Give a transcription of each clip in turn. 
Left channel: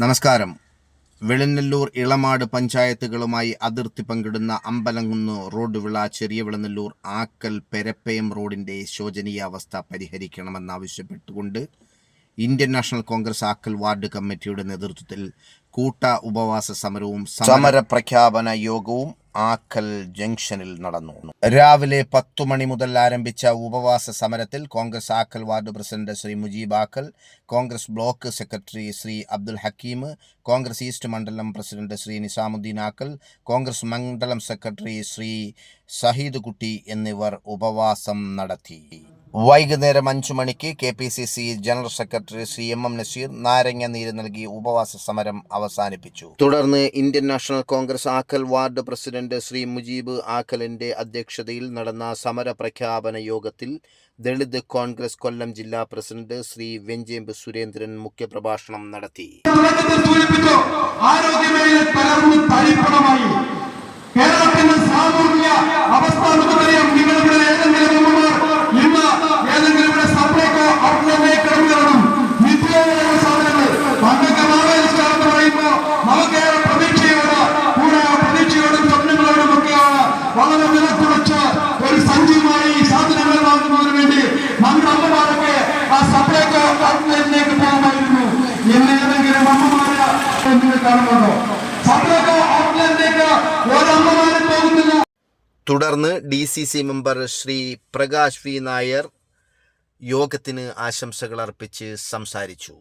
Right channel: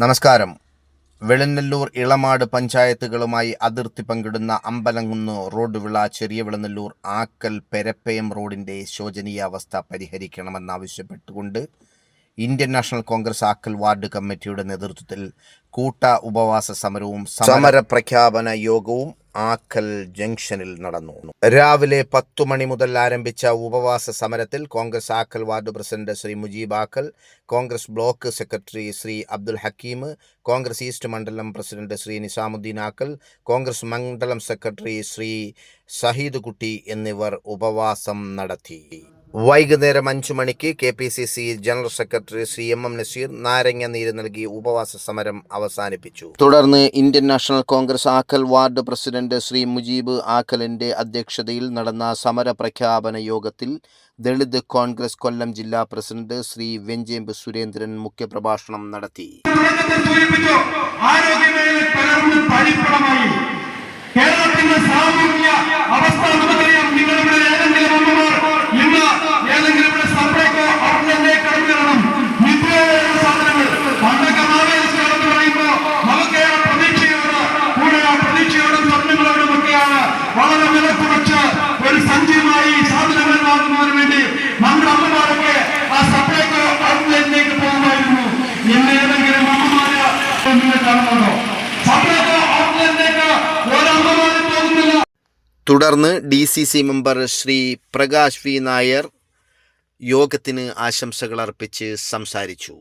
നമസ്കാരം. വെളുന്നല്ലൂർ ഇളമാട് പഞ്ചായത്തുകളുമായി അതിർത്തി പങ്കിടുന്ന അമ്പലംകുന്ന് റോഡ് വിള ചെറിയ വെളുന്നല്ലൂർ ആക്കൽ പെരപ്പയം റോഡിന്റെ ശോചനീയാവസ്ഥ പരിഹരിക്കണമെന്നാവശ്യപ്പെട്ടുകൊണ്ട് Indian National Congress Akkal ward കമ്മിറ്റിയുടെ നേതൃത്വത്തിൽ കൂട്ട ഉപവാസ സമരവും സമരപ്രഖ്യാപന യോഗവും ആക്കൽ ജംഗ്ഷനിൽ നടന്നു. രാവിലെ 10 മണി മുതൽ ആരംഭിച്ച ഉപവാസ സമരത്തിൽ Congress Akkal ward president Shri Mujeeb Akkal, Congress block secretary Shri Abdul Hakeem, Congress east മണ്ഡലം പ്രസിഡന്റ് ശ്രീ നിസാമുദ്ദീൻ ആക്കൽ, കോൺഗ്രസ് മണ്ഡലം സെക്രട്ടറി ശ്രീ ഷഹീദ് കുട്ടി എന്നിവർ ഉപവാസം നടത്തി. വൈകുന്നേരം 5 മണിക്ക് KPCC general secretary Shri MM Naseer നാരങ്ങ നീര് നൽകി ഉപവാസ സമരം അവസാനിപ്പിച്ചു. തുടർന്ന് Indian National Congress Akkal ward president Shri Mujeeb ആക്കലിന്റെ അധ്യക്ഷതയിൽ നടന്ന സമര പ്രഖ്യാപന യോഗത്തിൽ ദളിത് കോൺഗ്രസ് കൊല്ലം ജില്ലാ പ്രസിഡന്റ് ശ്രീ വെഞ്ചേമ്പ് സുരേന്ദ്രൻ മുഖ്യപ്രഭാഷണം നടത്തി. തുടർന്ന് DCC member Shri Prakash V Nair യോഗത്തിന് ആശംസകൾ അർപ്പിച്ച് സംസാരിച്ചു.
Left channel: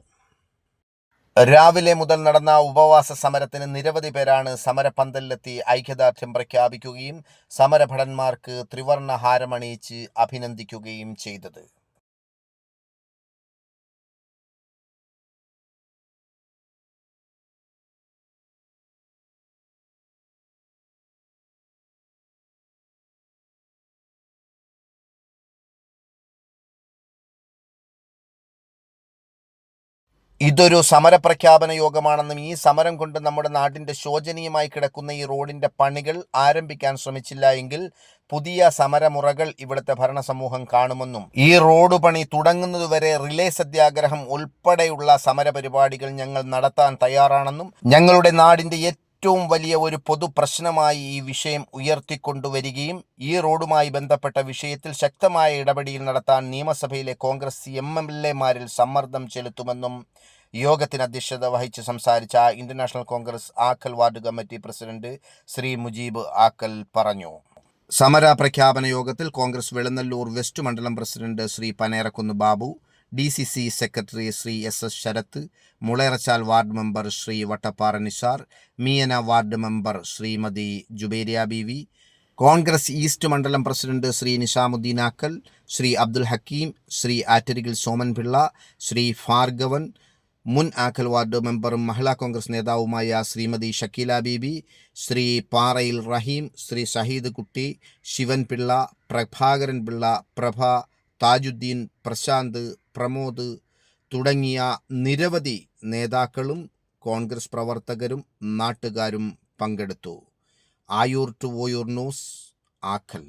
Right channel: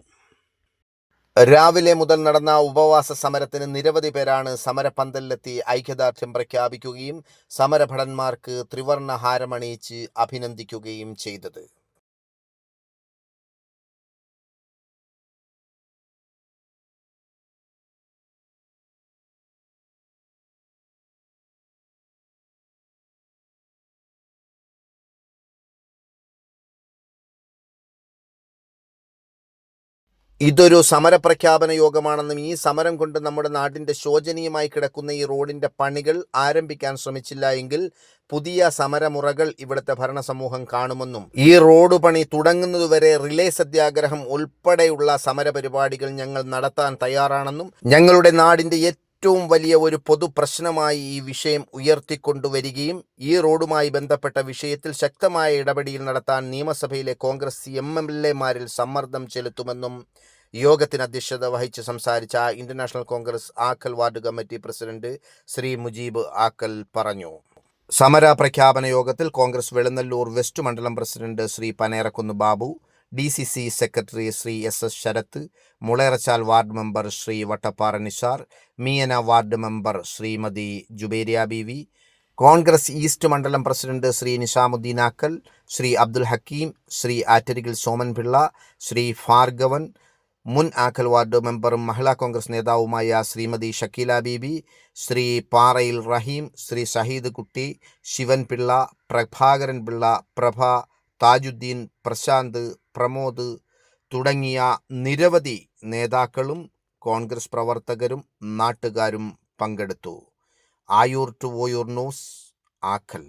രാവിലെ മുതൽ നടന്ന ഉപവാസ സമരത്തിന് നിരവധി പേരാണ് സമരപന്തലിലെത്തി ഐക്യദാർഢ്യം പ്രഖ്യാപിക്കുകയും സമരഭടന്മാർക്ക് ത്രിവർണ്ണ ഹാരമണിയിച്ച് അഭിനന്ദിക്കുകയും ചെയ്തത്. ഇതൊരു സമരപ്രഖ്യാപന യോഗമാണെന്നും ഈ സമരം കൊണ്ട് നമ്മുടെ നാടിൻ്റെ ശോചനീയമായി കിടക്കുന്ന ഈ റോഡിൻ്റെ പണികൾ ആരംഭിക്കാൻ ശ്രമിച്ചില്ല എങ്കിൽ പുതിയ സമരമുറകൾ ഇവിടുത്തെ ഭരണസമൂഹം കാണുമെന്നും ഈ റോഡ് പണി തുടങ്ങുന്നതുവരെ റിലേ സത്യാഗ്രഹം ഉൾപ്പെടെയുള്ള സമരപരിപാടികൾ ഞങ്ങൾ നടത്താൻ തയ്യാറാണെന്നും ഞങ്ങളുടെ നാടിൻ്റെ ഏറ്റവും വലിയ ഒരു പൊതു പ്രശ്നമായി ഈ വിഷയം ഉയർത്തിക്കൊണ്ടുവരികയും ഈ റോഡുമായി ബന്ധപ്പെട്ട വിഷയത്തിൽ ശക്തമായ ഇടപെടൽ നടത്താൻ നിയമസഭയിലെ കോൺഗ്രസ് MLA-മാരിൽ സമ്മർദ്ദം ചെലുത്തുമെന്നും യോഗത്തിന് അധ്യക്ഷത വഹിച്ച് സംസാരിച്ച Indian National Congress Akkal ward committee president Shri Mujeeb Akkal പറഞ്ഞു. സമര പ്രഖ്യാപന യോഗത്തിൽ കോൺഗ്രസ് വെളുന്നല്ലൂർ വെസ്റ്റ് മണ്ഡലം president Shri Panerakunnu Babu, DCC secretary Shri SS Sarath, Mulayarachal ward member Shri Vattappara Nisar, Meeyana ward member Shrimati Jubairiya Beevi, Congress east മണ്ഡലം പ്രസിഡന്റ് ശ്രീ നിസാമുദ്ദീൻ ആക്കൽ, ശ്രീ അബ്ദുൽ ഹക്കീം, ശ്രീ ആറ്റരികിൽ സോമൻപിള്ള, ശ്രീ ഭാർഗവൻ, മുൻ ആക്കൽ വാർഡ് മെമ്പറും മഹിളാ കോൺഗ്രസ് നേതാവുമായ ശ്രീമതി ഷക്കീല ബീബി, ശ്രീ പാറയിൽ റഹീം, ശ്രീ ഷഹീദ് കുട്ടി, ശിവൻ പിള്ള, പ്രഭാകരൻ പിള്ള, പ്രഭ, താജുദ്ദീൻ, പ്രശാന്ത്, പ്രമോദ് തുടങ്ങിയ നിരവധി നേതാക്കളും കോൺഗ്രസ് പ്രവർത്തകരും നാട്ടുകാരും പങ്കെടുത്തു. Ayoor to Oyoor news, ആക്കൽ.